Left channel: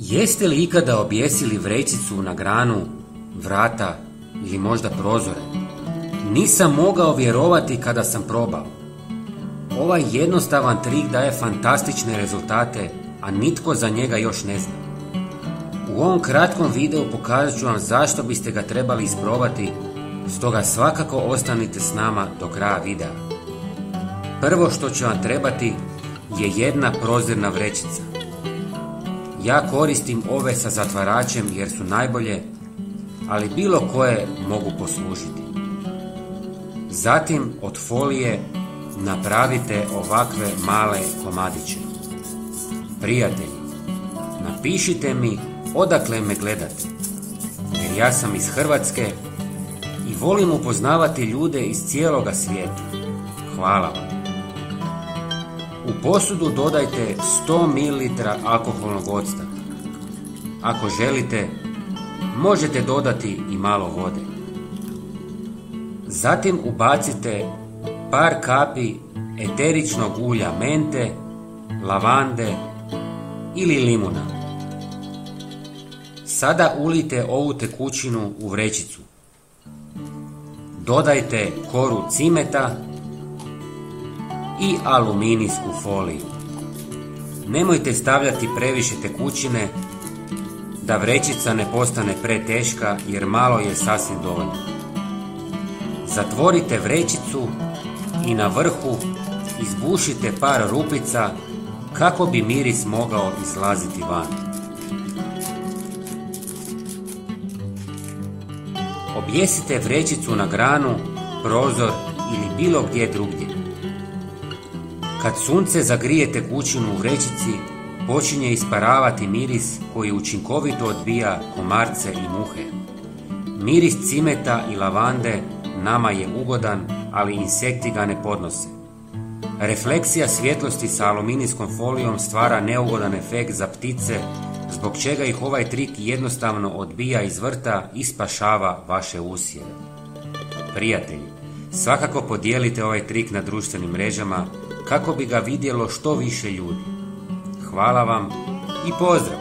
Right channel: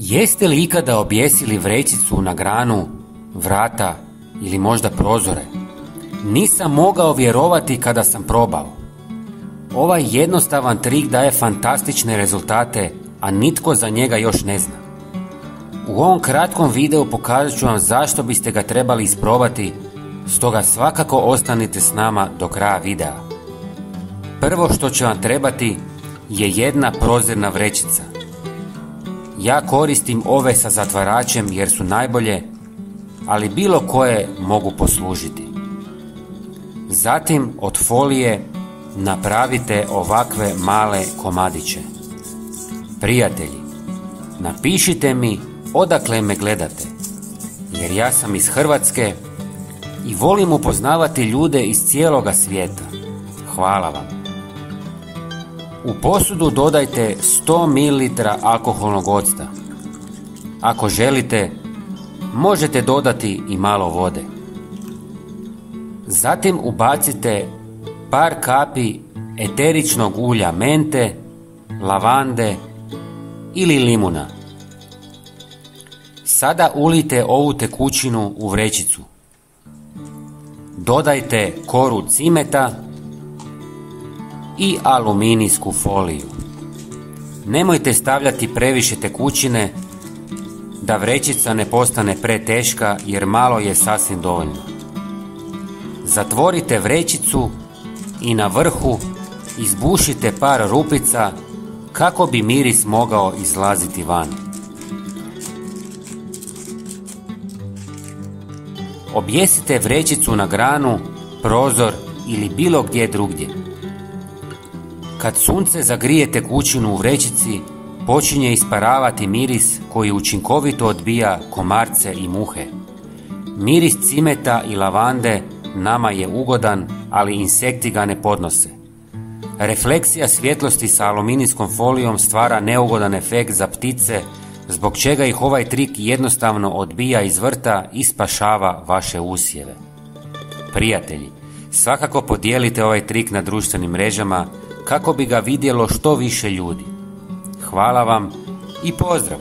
Jeste li ikada objesili vrećicu na granu, vrata ili možda prozore? Nisam mogao vjerovati kada sam probao. Ovaj jednostavan trik daje fantastične rezultate, a nitko za njega još ne zna. U ovom kratkom videu pokazat ću vam zašto biste ga trebali isprobati, stoga svakako ostanite s nama do kraja videa. Prvo što će vam trebati je jedna prozirna vrećica. Ja koristim ove sa zatvaračem jer su najbolje, ali bilo koje mogu poslužiti. Zatim od folije napravite ovakve male komadiće. Prijatelji, napišite mi odakle me gledate, jer ja sam iz Hrvatske i volim upoznavati ljude iz cijeloga svijeta. Hvala vam. U posudu dodajte 100 ml alkoholnog octa. Ako želite, možete dodati i malo vode. Zatim ubacite par kapi eteričnog ulja mente, lavande ili limuna. Sada ulijte ovu tekućinu u vrećicu. Dodajte koru cimeta i aluminijsku foliju. Nemojte stavljati previše tekućine da vrećica ne postane preteška, jer malo je sasvim dovoljno. Zatvorite vrećicu i na vrhu izbušite par rupica kako bi miris mogao izlaziti van. Objesite vrećicu na granu, prozor ili bilo gdje drugdje. Kad sunce zagrije tekućinu u vrećici, počinje isparavati miris koji učinkovito odbija komarce i muhe. Miris cimeta i lavande nama je ugodan, ali insekti ga ne podnose. Refleksija svjetlosti sa aluminijskom folijom stvara neugodan efekt za ptice, zbog čega ih ovaj trik jednostavno odbija iz vrta i spašava vaše usjeve. Prijatelji, svakako podijelite ovaj trik na društvenim mrežama kako bi ga vidjelo što više ljudi. Hvala vam i pozdrav!